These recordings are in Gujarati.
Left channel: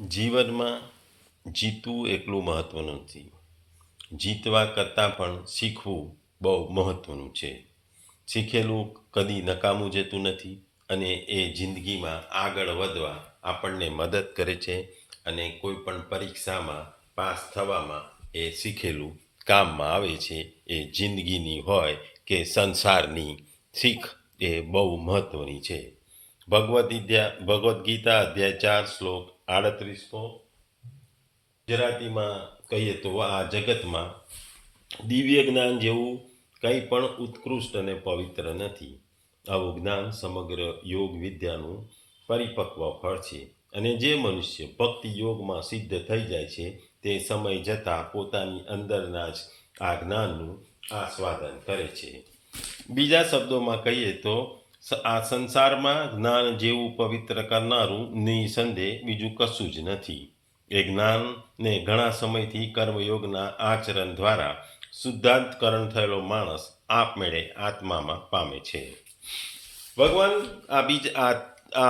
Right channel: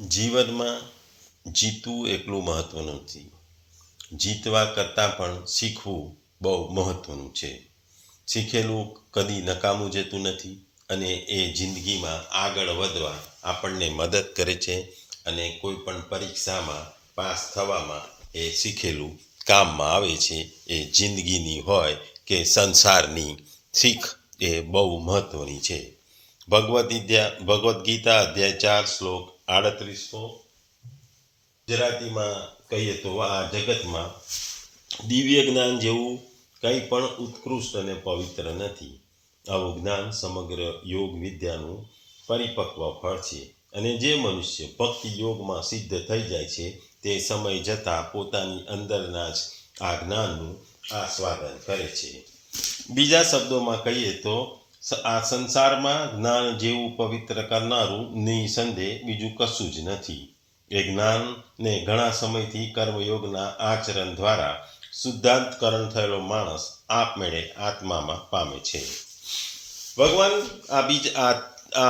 જીવનમાં જીતવું એટલું મહત્ત્વનું નથી. જીતવા કરતાં પણ શીખવું બહુ મહત્ત્વનું છે. શીખેલું કદી નકામું જતું નથી અને એ જિંદગીમાં આગળ વધવા આપણને મદદ કરે છે અને કોઈ પણ પરીક્ષામાં પાસ થવામાં એ શીખેલું કામમાં આવે છે. એ જિંદગીની હોય કે સંસારની શીખ એ બહુ મહત્ત્વની છે. ભગવદ્ ગીતા અધ્યાય 4 શ્લોક 38. ગુજરાતીમાં કહીએ તો આ જગતમાં દિવ્ય જ્ઞાન જેવું કંઈ પણ ઉત્કૃષ્ટ અને પવિત્ર નથી. આવું જ્ઞાન સમગ્ર યોગ વિદ્યાનું પરિપક્વ ફળ છે અને જે મનુષ્ય ભક્તિ યોગમાં સિદ્ધ થઈ જાય છે તે સમય જતાં પોતાની અંદરના જ આ જ્ઞાનનું આસ્વાદન કરે છે. બીજા શબ્દોમાં કહીએ તો આ સંસારમાં જ્ઞાન જેવું પવિત્ર કરનારું નિસંદેહ બીજું કશું જ નથી. એ જ્ઞાનને ઘણા સમયથી કર્મયોગના આચરણ દ્વારા શુદ્ધાંતકરણ થયેલો માણસ આપમેળે આત્મામાં પામે છે. ભગવાન આ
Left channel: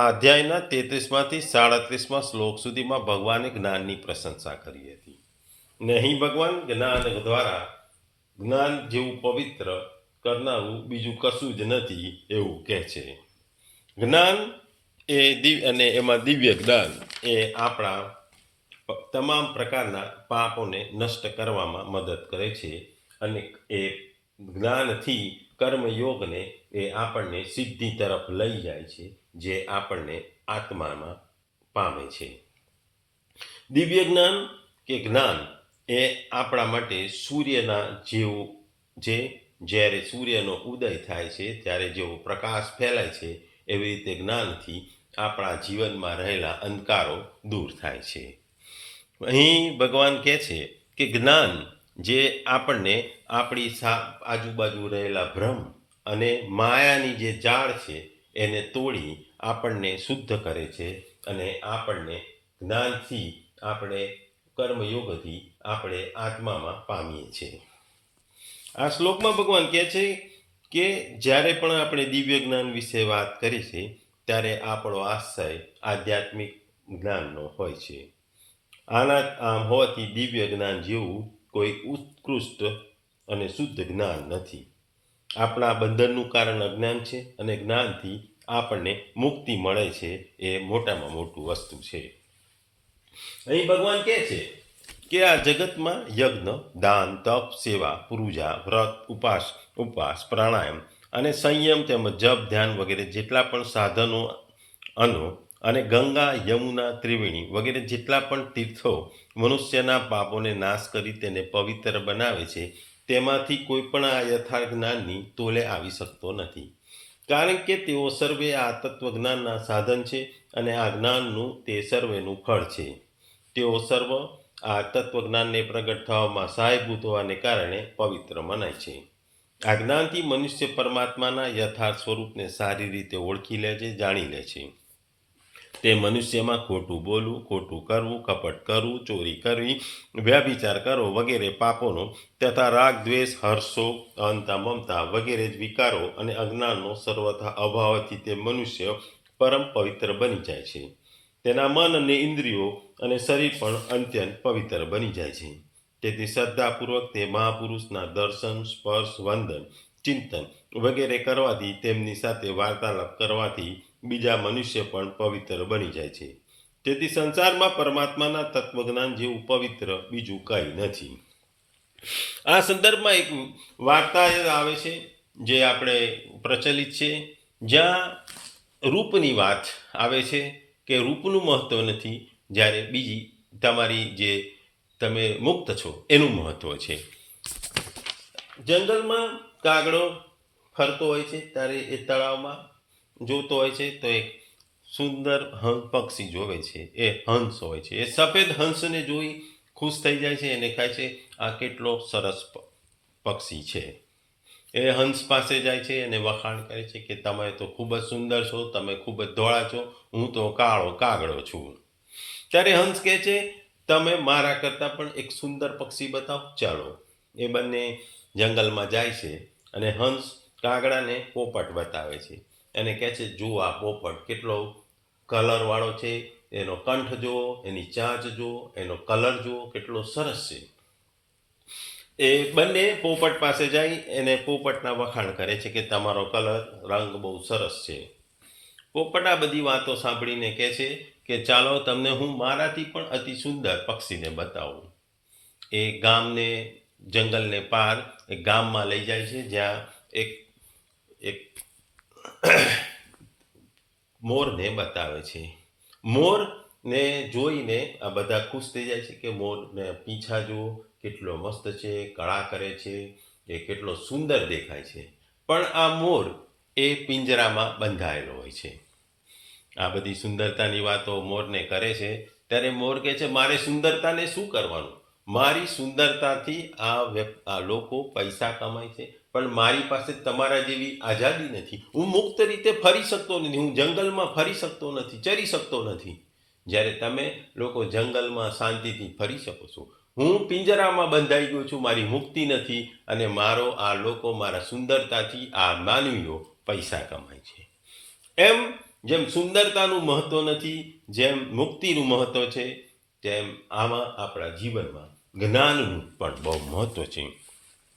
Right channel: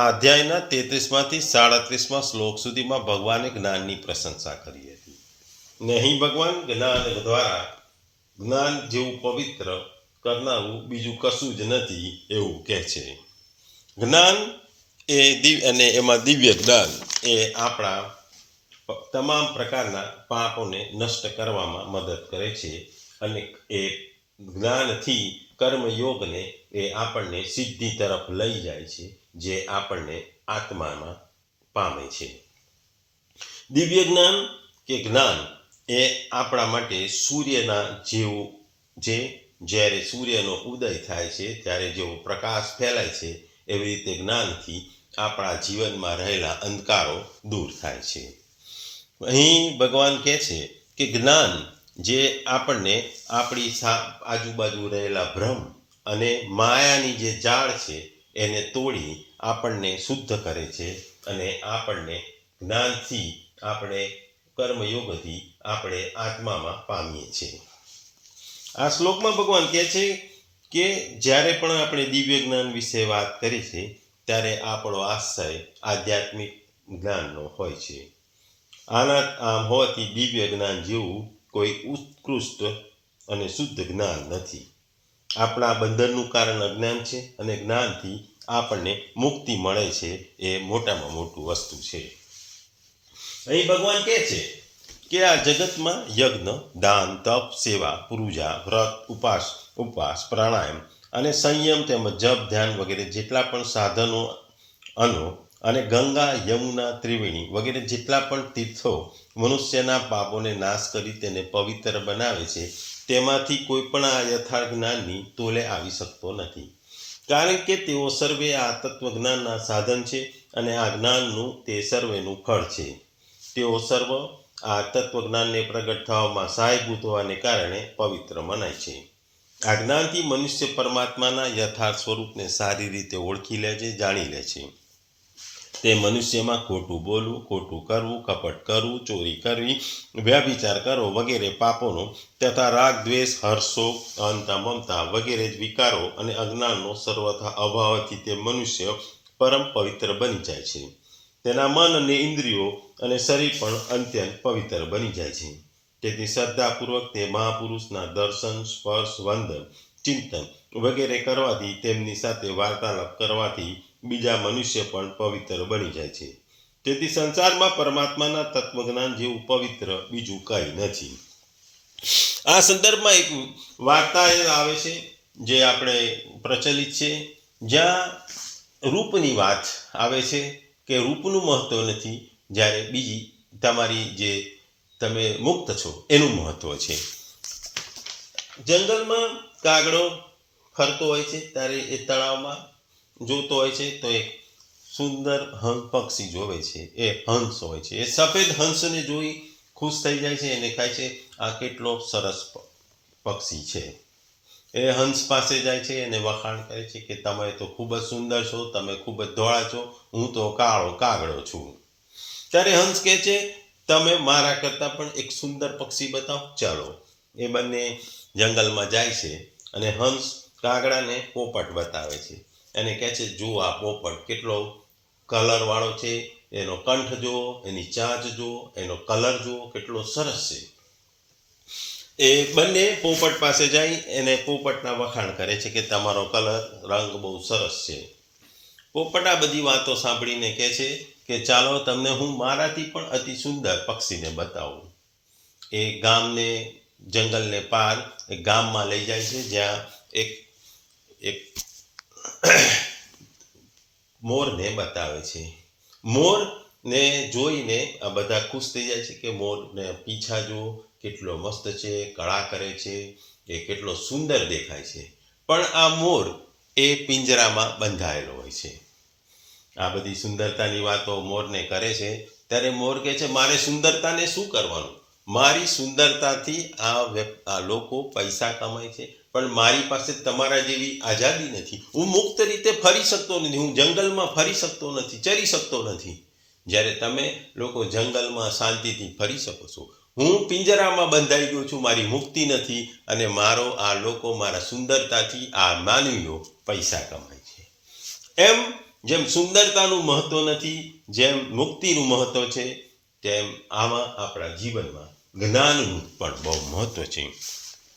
અધ્યાયના 33માંથી 37 શ્લોક સુધીમાં ભગવાને જ્ઞાનની પ્રશંસા કરી હતી. ને અહીં ભગવાન જ્ઞાન દ્વારા જ્ઞાન જેવું પવિત્ર કરનારું બીજું કશું જ નથી એવું કહે છે. જ્ઞાન અને એમાં દિવ્ય જ્ઞાન એ આપણા તમામ પ્રકારના પાપોને નષ્ટ કરવામાં મદદ કરે છે અને એ જ્ઞાનથી કર્મયોગને એ આપણને સિદ્ધિ તરફ લઈ જાય છે, જે આપણને આત્મામાં પામે છે. દિવ્ય જ્ઞાન કે જ્ઞાન એ આપણા માટે સૂર્યના જેવું જે જ્યારે સૂર્યનો ઉદય થાય છે ત્યારે જેવો પ્રકાશ ફેલાય છે, એવી રીતે જ્ઞાનથી આપણા જીવનમાં રહેલા અંધકારો દૂર થાય છે. અહીં ભગવાન કહે છે કે જ્ઞાન જે આપણને આપણી આજુબાજુ રહેલા ભ્રમ અને માયાની જે જાળ છે એને તોડી આપણને શુદ્ધ કરે છે અને આપણને જ્ઞાનથી આપણે કર્મયોગથી આપણે આત્મામાં પામીએ છીએ. આ શ્લોકમાં ભગવાન કહે છે કે જ્યારે પણ આપણે દિવ્ય જ્ઞાન વિશે વાત કરી છે ત્યારે આપણો આશય આધ્યાત્મિક જ્ઞાનનો હોય છે. આમ હોવાથી દિવ્ય જ્ઞાન જેવું કોઈ ઉત્કૃષ્ટ અને શુદ્ધ જ્ઞાન નથી. આપણા બંધનનું કારણ અજ્ઞાન છે અને જ્ઞાનથી આપણને મુક્તિ મળે છે. એ મોટામાં મોટું વસ્તુ છે. અહીં ભગવાન કહે છે કે આ જગતમાં યજ્ઞ, દાન, તપ, સેવા, પૂજા, વ્રત, ઉપવાસ, પ્રાણાયામ અને સંયમ તેમજ જપ, ધ્યાન વગેરે જેટલા પણ સાધનો અને ગંગા, યમુના, ત્રિવેણી વગેરે જેટલા પણ તીર્થો મનુષ્યના પાપોને નાશ કરી તેને પવિત્ર બનાવે છે, તેમાંથી કોઈ પણ આ યથાર્થ જ્ઞાનની તોલે આવી શકતો નથી. કારણ કે તેઓ સર્વે આ તત્વજ્ઞાનના સાધન છે અને આ જ્ઞાનનું તે સર્વેનું ફળ છે. તેઓ સર્વ આ તત્વજ્ઞાનને પ્રગટ થવામાં સહાયભૂત હોવાને કારણે પવિત્ર મનાય છે. આ જ્ઞાનથી મનુષ્ય પરમાત્માના યથાર્થ સ્વરૂપને સારી રીતે ઓળખી લે છે, જાણી લે છે. તે મનુષ્યમાં ખોટું બોલવું, ખોટું કરવું, કપટ કરવું, ચોરી કરવી, વ્યભિચાર કરવો વગેરે પાપોનો તથા રાગ, દ્વેષ, હર્ષો, અહંતા, મમતા વગેરે જ વિકારો અને અજ્ઞાનનો સર્વથા અભાવથી તે મનુષ્ય પરમ પવિત્ર બની જાય છે. તેના મન અને ઇન્દ્રિયો અને શરીર પણ અત્યંત પવિત્ર બની જાય છે. તેથી શ્રદ્ધાપૂર્વક તે મહાપુરુષના દર્શન, સ્પર્શ, વંદન, ચિંતન વગેરે કરવાથી, તેમની સાથે વાર્તાલાપ કરવાથી બીજા મનુષ્ય પણ પવિત્ર બની જાય છે. તેથી સંસારમાં પરમાત્માના તત્વજ્ઞાન જેવું પવિત્ર બીજું કંઈ નથી. આ સંદર્ભમાં એક વાર્તા આવે છે જે આપણે પ્રચલિત છે, જ્યાં રૂપની વાત આવે છે કે રૂપનું મહત્વ નથી, જ્યારે બીજી તમારી જે તમે મુક્ત છો એનું મહત્વ છે. જંગલમાં કાગડો ફરતો હોય છે ત્યારે એ તળાવમાં જોતો હોય છે તો એક સુંદર પક્ષી જોવે છે. એ હંસ હોય છે. એ સફેદ હંસને જોઈ ખુશ થઈ જાય છે અને કહે છે, આ કેટલો સરસ પક્ષી છે. એ હંસ પાસે જાય છે અને વખાણ કરે છે કે તમે તો ખૂબ જ સુંદર છો, તમે ખૂબ જ ધોળા છો, હું તો કાળો કાગડો છું. ત્યારે હંસ કહે છે, તમે મારા કરતાં પણ એક સુંદર પક્ષી બતાવો. ચાલો. એ બંને જંગલમાં જાય છે અને હંસ કાગડાને પોપટ બતાવે છે અને કહે છે, જુઓ આ પોપટ કેટલો કલરવાળો છે, એનો કંઠ જુઓ, એની ચાંચ જુઓ, એનો કલર જુઓ કેટલો સરસ છે. એ બંને પોપટ પાસે જાય એને પોપટના વખાણ કરે છે કે તમારો કલર રંગ બહુ સરસ છે. પોપટ આ બધી વાતો સાંભળીને કહે છે કે ચાલો તમને હું મારાથી પણ અતિ સુંદર પક્ષીને બતાવું. એ ગામને જંગલને પાર એક ગામમાં લઈ જાય છે જ્યાં એક મોરને બતાવે છે. મોરને જોઈને આ બધા ખુશ થઈ જાય છે કે મોરને પીંછા જુઓ કેટલો મસ્ત છે, કળા કરે છે, એ કેટલો સુંદર દેખાય છે. પણ આ મોર એ પિંજરામાં બંધાયેલો હોય છે. આ બધી સુંદરતાની વાતો મોરને કરે છે ત્યારે મોર કહે છે મારે સુંદરતાને શું કરવાનું? મારી સુંદરતાથી આ લોકો પૈસા કમાય છે, પણ મારી પાસે તમારા જેવી આઝાદી નથી. હું મુક્ત રીતે ફરી શકતો નથી, હું જંગલમાં ફરી શકતો નથી, ચરી શકતો નથી. જ્યારે તમે લોકો જંગલમાં શાંતિથી ફરી શકો છો, હું પિંજરામાં બંધાઈ ગયો છું, મારી મુક્તિ નથી, અને આ લોકો મારા સુંદરતાથી આ માનવીઓ પૈસા કમાય છે. એમ જેમ સુંદરતાનું મહત્વ નથી, જેમ મુક્તિનું મહત્વ છે, તેમ આમાં આપણા જીવનમાં જ્ઞાનનું પણ બહુ મહત્વ છે.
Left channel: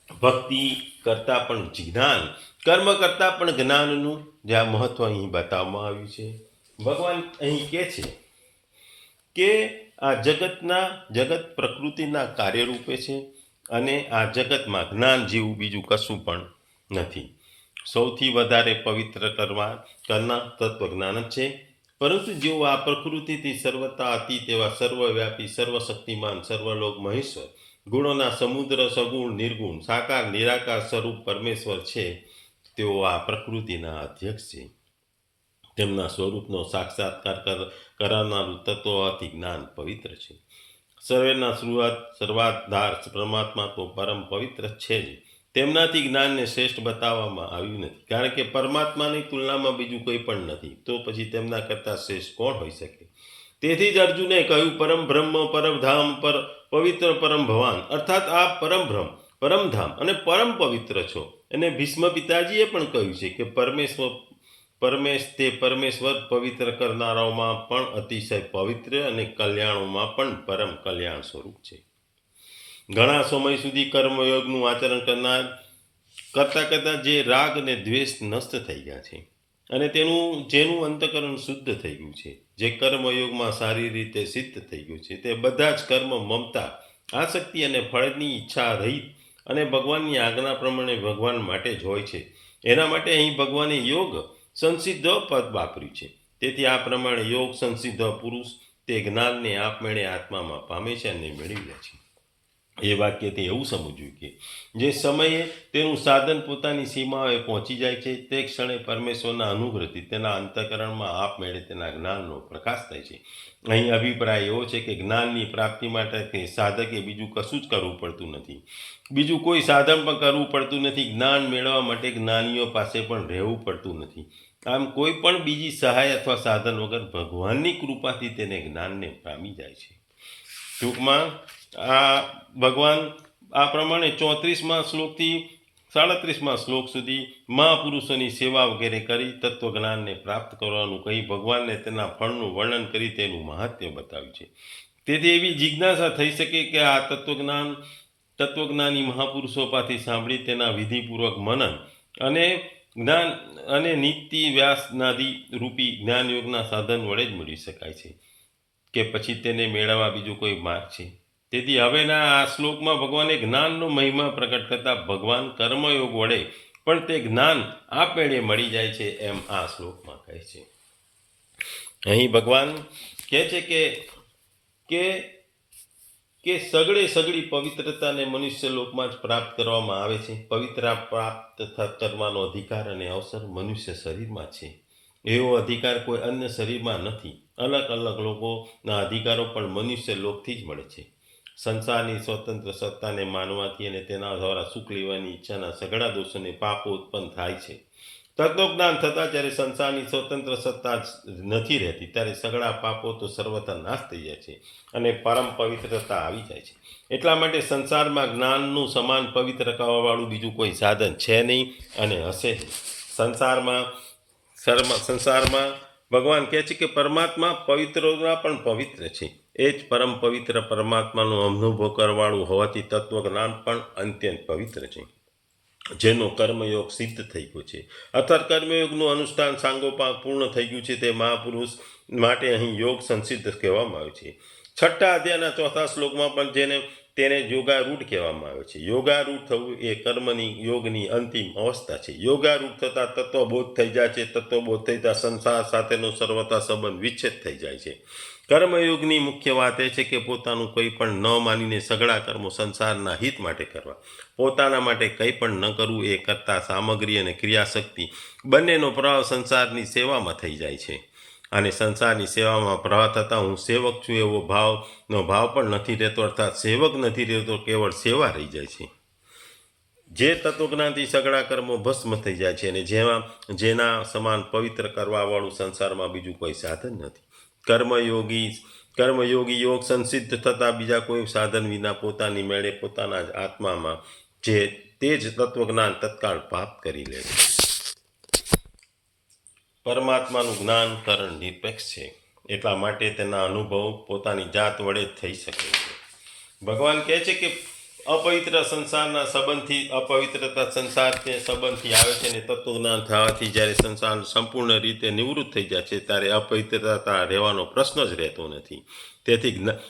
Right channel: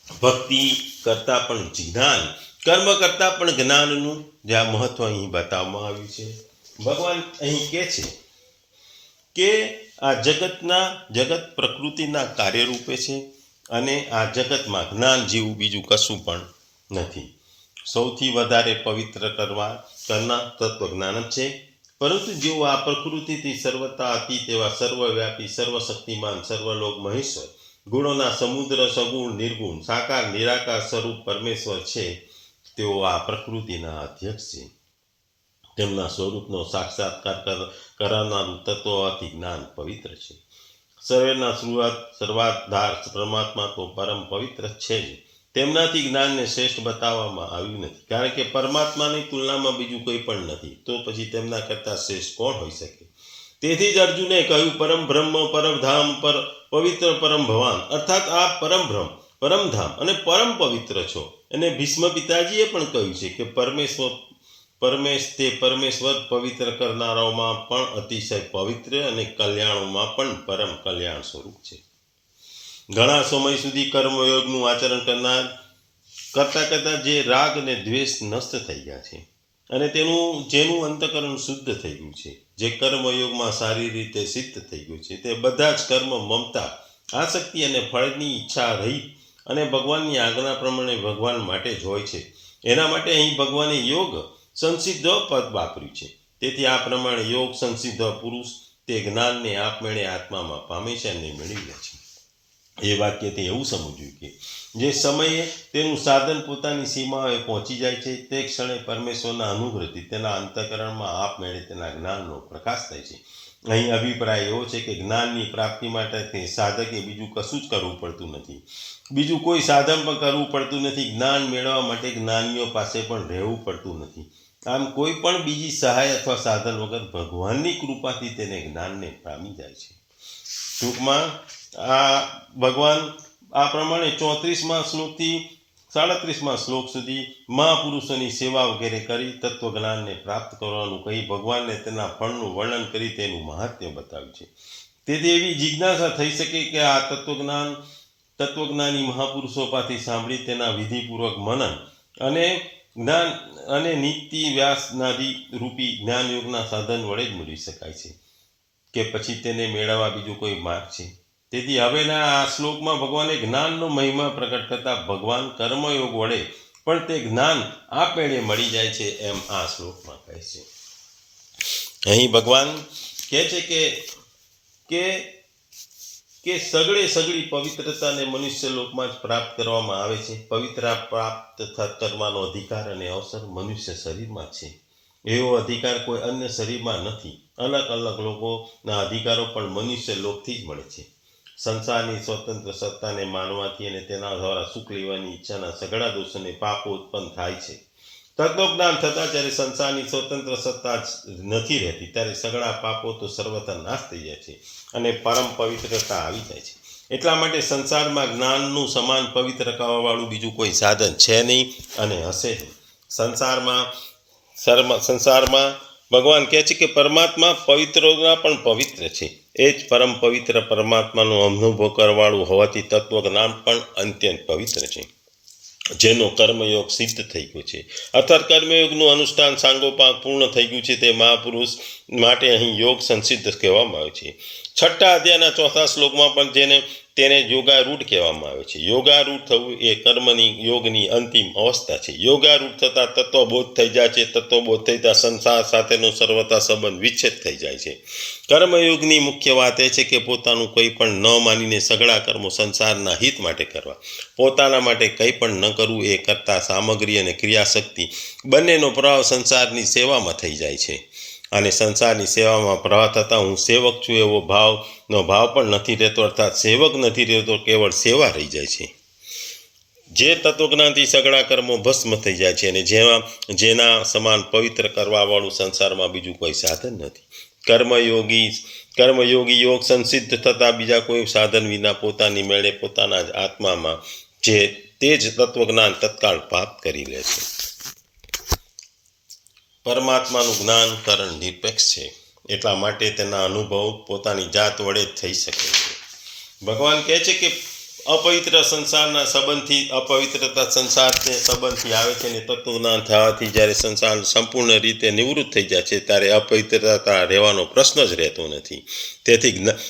ભક્તિ કરતાં પણ જ્ઞાન, કર્મ કરતાં પણ જ્ઞાનનું જે આ મહત્વ અહીં બતાવવામાં આવ્યું છે. ભગવાન અહીં કહે છે કે આ જગત પ્રકૃતિના કાર્યરૂપે છે, અને આ જગતમાં જ્ઞાન જેવું બીજું કશું પણ નથી. સૌથી વધારે પવિત્ર કરનાર તત્વજ્ઞાન જ છે. પરંતુ જેઓ આ પ્રકૃતિથી સર્વતા અતીત એવા સર્વવ્યાપી, સર્વશક્તિમાન, સર્વલોક મહેશ્વર, ગુણોના સમુદ્ર, સગુણ, નિર્ગુણ, સાકાર, નિરાકાર સ્વરૂપ પરમેશ્વર છે, તેઓ આ પ્રકૃતિના અધ્યક્ષ છે. તેમના સ્વરૂપનો સાક્ષાત્કાર કરાવનારું તત્વ અતિ જ્ઞાન પવિત્ર છે. સર્વેના સર્વાધાર પરમાત્મા તો પરમ પવિત્ર છે જ. તેમનાથી જ્ઞાનને શ્રેષ્ઠ બતાવવામાં આવ્યું નથી, કારણ કે પરમાત્માની તુલનામાં બીજું કોઈ પણ નથી. તો પછી તેમના કરતાં શ્રેષ્ઠ કોણ હોઈ શકે? તેથી જ અર્જુને કહ્યું પરમ બ્રહ્મ, પરમધામ, પવિત્ર પરમ ભવાન, અર્થાત આ પરમબ્રહ્મ, પરમધામ અને પરમ પવિત્ર છો. અને ભીષ્મ પિતાજીએ પણ કહ્યું છે કે પરમેશ્વર પવિત્ર કરનારાઓમાં પણ અતિશય પવિત્ર અને કલ્યાણોમાં પણ પરમ કલ્યાણ સ્વરૂપ છે. ઘણા સમય સુધી કર્મયોગનું આચરણ કરતા જે રાગ અને દ્વેષ નષ્ટ થઈ ગયા છે, અને જેનું અંતઃકરણ શુદ્ધ થઈ ગયું છે, જે કર્મયોગમાં સારી રીતે સિદ્ધ થઈ ગયું છે, તે બધા જ કર્મ મમતા, આસક્તિ અને ફળની ઈચ્છા રહિત અને ભગવાનની આજ્ઞા પ્રમાણે ભગવાન માટે જ હોય છે. એના માટે અહીં ભગવાને યોગ સંસિદ્ધ પદ વાપર્યું છે. તેથી આ પ્રમાણે યોગ સંસિદ્ધ પુરુષ તે જ્ઞાનને આપમેળે આત્મામાં પામે છે અને મેળવી લે છે. એ વાક્યથી એવું સમજવું કે જે સમયે તેનું સાધન પોતાની સીમાએ પહોંચી જાય છે, તે ક્ષણે પરમેશ્વરના અનુગ્રહથી તેના અંતઃકરણમાં આપમેળે તેના જ્ઞાનનો પ્રકાશ થાય છે. અહીં અભિપ્રાય એવો છે કે જ્ઞાનની પ્રાપ્તિ માટે સાધકે બીજું કશું જ કરવું પડતું નથી, બીજું કોઈ સાધન પણ કરવું પડતું નથી. જ્ઞાન મેળવવા માટે જ્ઞાનીઓ પાસે પણ રહેવું પડતું નથી. આમ કોઈ પણ બીજી સહાય અથવા સાધન વગર ભગવાનની કૃપાથી તેને જ્ઞાનને પામી જાય છે. ટૂંકમાં આ ભગવાન આ પ્રમાણે 34મા શ્લોકથી 37મા શ્લોક સુધી મહાપુરુષોની સેવા વગેરે કરી તત્વજ્ઞાનને પ્રાપ્ત કરવાનું કહી ભગવાનને તેના ફળનું વર્ણન કરી તેનું મહાત્મ્ય બતાવ્યું છે. તેથી એવી જિજ્ઞાસા થઈ શકે કે આ તત્વજ્ઞાની મહાપુરુષો પાસેથી સાંભળી તેના વિધિપૂર્વક મનન અને જ્ઞાન અને નીતિ વ્યાસનાદિ રૂપી જ્ઞાનયોગના સાધન વડે જ મેળવી શકાય છે, કે પછી તેને મેળવવા બીજો કોઈ માર્ગ છે. તેથી હવેના આ શ્લોકમાં ભગવાને જ્ઞાનનો મહિમા પ્રકટ કરતા ભગવાન કર્મયોગ વડે પણ તે જ્ઞાન આપમેળે મળી જાય છે એમ આ શ્લોકમાં કહે છે. અહીં ભગવાન કહે છે કે સગળી પવિત્રતાને મનુષ્ય લોકમાં જ પ્રાપ્ત કરવામાં આવે છે. પવિત્રતા પ્રાપ્ત કરવાનો અધિકાર અને અવસર મનુષ્ય શરીરમાં છે. એવો અધિકાર કોઈ અન્ય શરીરમાં નથી. અલગ અલગ લોકોના અધિકારો પણ મનુષ્ય લોકથી જ મળે છે. સંસારની સ્વતંત્ર સત્તાને માનવાથી અને તેના દ્વારા સુખ લેવાની ઈચ્છાના સઘળા દોષોને પાપો ઉત્પન્ન થાય છે. તત્વજ્ઞાન થતાં જ્યારે સંસારની સ્વતંત્ર સત્તા નથી રહેતી, ત્યારે સઘળા પાપો તો સર્વથા નાશ થઈ જાય છે અને પરમ પવિત્રતા આવી જાય છે. એટલા માટે સંસારમાં જ્ઞાનનું સમાન પવિત્ર કરવાવાળું બીજું કોઈ સાધન છે નહીં અને હશે નહીં. સંસારમાં ભગવાન કહે છે કે પરમાત્મા પવિત્રોના પણ પવિત્ર છે. એ જ પરમ પવિત્ર પરમાત્માનો અનુભવ કરવાળું હોવાથી તત્વજ્ઞાન પણ અત્યંત પવિત્ર છે, જેનો કર્મયોગ સિદ્ધ થઈ ગયો છે. અર્થાત કર્મયોગનું અનુષ્ઠાન સાંગોપાંગ પૂર્ણ થઈ ગયું છે તે મહાપુરુષ માટે અહીં યોગ સંસિદ્ધ કહેવામાં આવે છે. 6ઠ્ઠા અધ્યાયના 4થા શ્લોકમાં પણ તેને યોગારૂઢ કહેવામાં આવે છે. યોગારૂઢ થવું એ કર્મની યોગની અંતિમ અવસ્થા છે. યોગારૂઢ થતાં તત્વબોધ થઈ જાય છે. તત્વબોધ થતાં સંસાર સાથેનો સર્વથા સંબંધ વિચ્છેદ થઈ જાય છે. કર્મયોગની મુખ્ય વાત એ છે કે પોતાનું કંઈ પણ ન માનીને સઘળા કર્મો સંસારના હિત માટે કરવા. પોતાના માટે કંઈ પણ ન કરવું એ કરતાં સામગ્રી અને ક્રિયાશક્તિ બંનેનો પ્રભાવ સંસારની સેવામાં થઈ જાય છે. અને સંસારની સેવામાં પ્રવાહ થતાં હું સેવક છું એવો ભાવ પણ નથી રહેતો, અર્થાત સેવક નથી રહેતો, કેવળ સેવા રહી જાય છે. જે તત્વજ્ઞાનથી સઘળા કર્મો ભસ્મ થઈ જાય છે અને જેના સમાન પવિત્ર કરવાવાળું સંસારમાં બીજું કોઈ સાધન નથી. કર્મયોગી યોગ સંસિદ્ધ થતાં બીજા કોઈ સાધન વિના પોતાની મેળે પોતાના જ આત્મામાં તે જ તત્વજ્ઞાન તત્કાળ પ્રાપ્ત કરી લે છે. પરમાત્માનું જ્ઞાન કરણ નિરપેક્ષ છે, એટલા માટે તેના અનુભવ પોતાની જાત વડે જ થઈ શકે છે. ભગવાન કહે છે કે અપવિત્ર સંસારના સંબંધથી આવે છે અને તત્વજ્ઞાન થવાથી જ્યારે સંસાર સંપૂર્ણ રીતે નિવૃત્ત થઈ જાય છે ત્યારે અપવિત્રતા રહેવાનો પ્રશ્ન જ રહેતો નથી.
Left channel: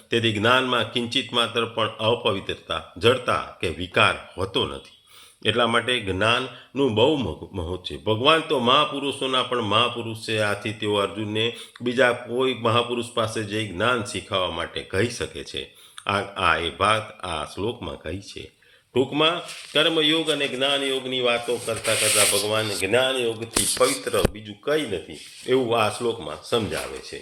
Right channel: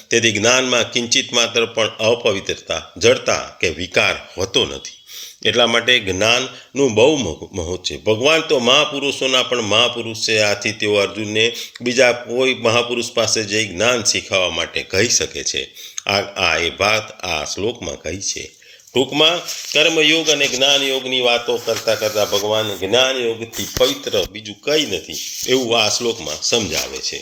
તેથી જ્ઞાનમાં કિંચિત માત્ર પણ અપવિત્રતા, જડતા કે વિકાર હોતો નથી. એટલા માટે જ્ઞાનનું બહુ મહત્વ છે. ભગવાન તો મહાપુરુષોના પણ મહાપુરુષ છે. આથી તેઓ અર્જુનને બીજા કોઈ મહાપુરુષ પાસે જઈ જ્ઞાન શીખવવા માટે કહી શકે છે. એ વાત આ શ્લોકમાં કહી છે. ટૂંકમાં કર્મયોગ અને જ્ઞાનયોગની વાતો કરતાં ભગવાન જ્ઞાનયોગથી પવિત્ર બીજું કંઈ નથી એવું આ શ્લોકમાં સમજાવે છે.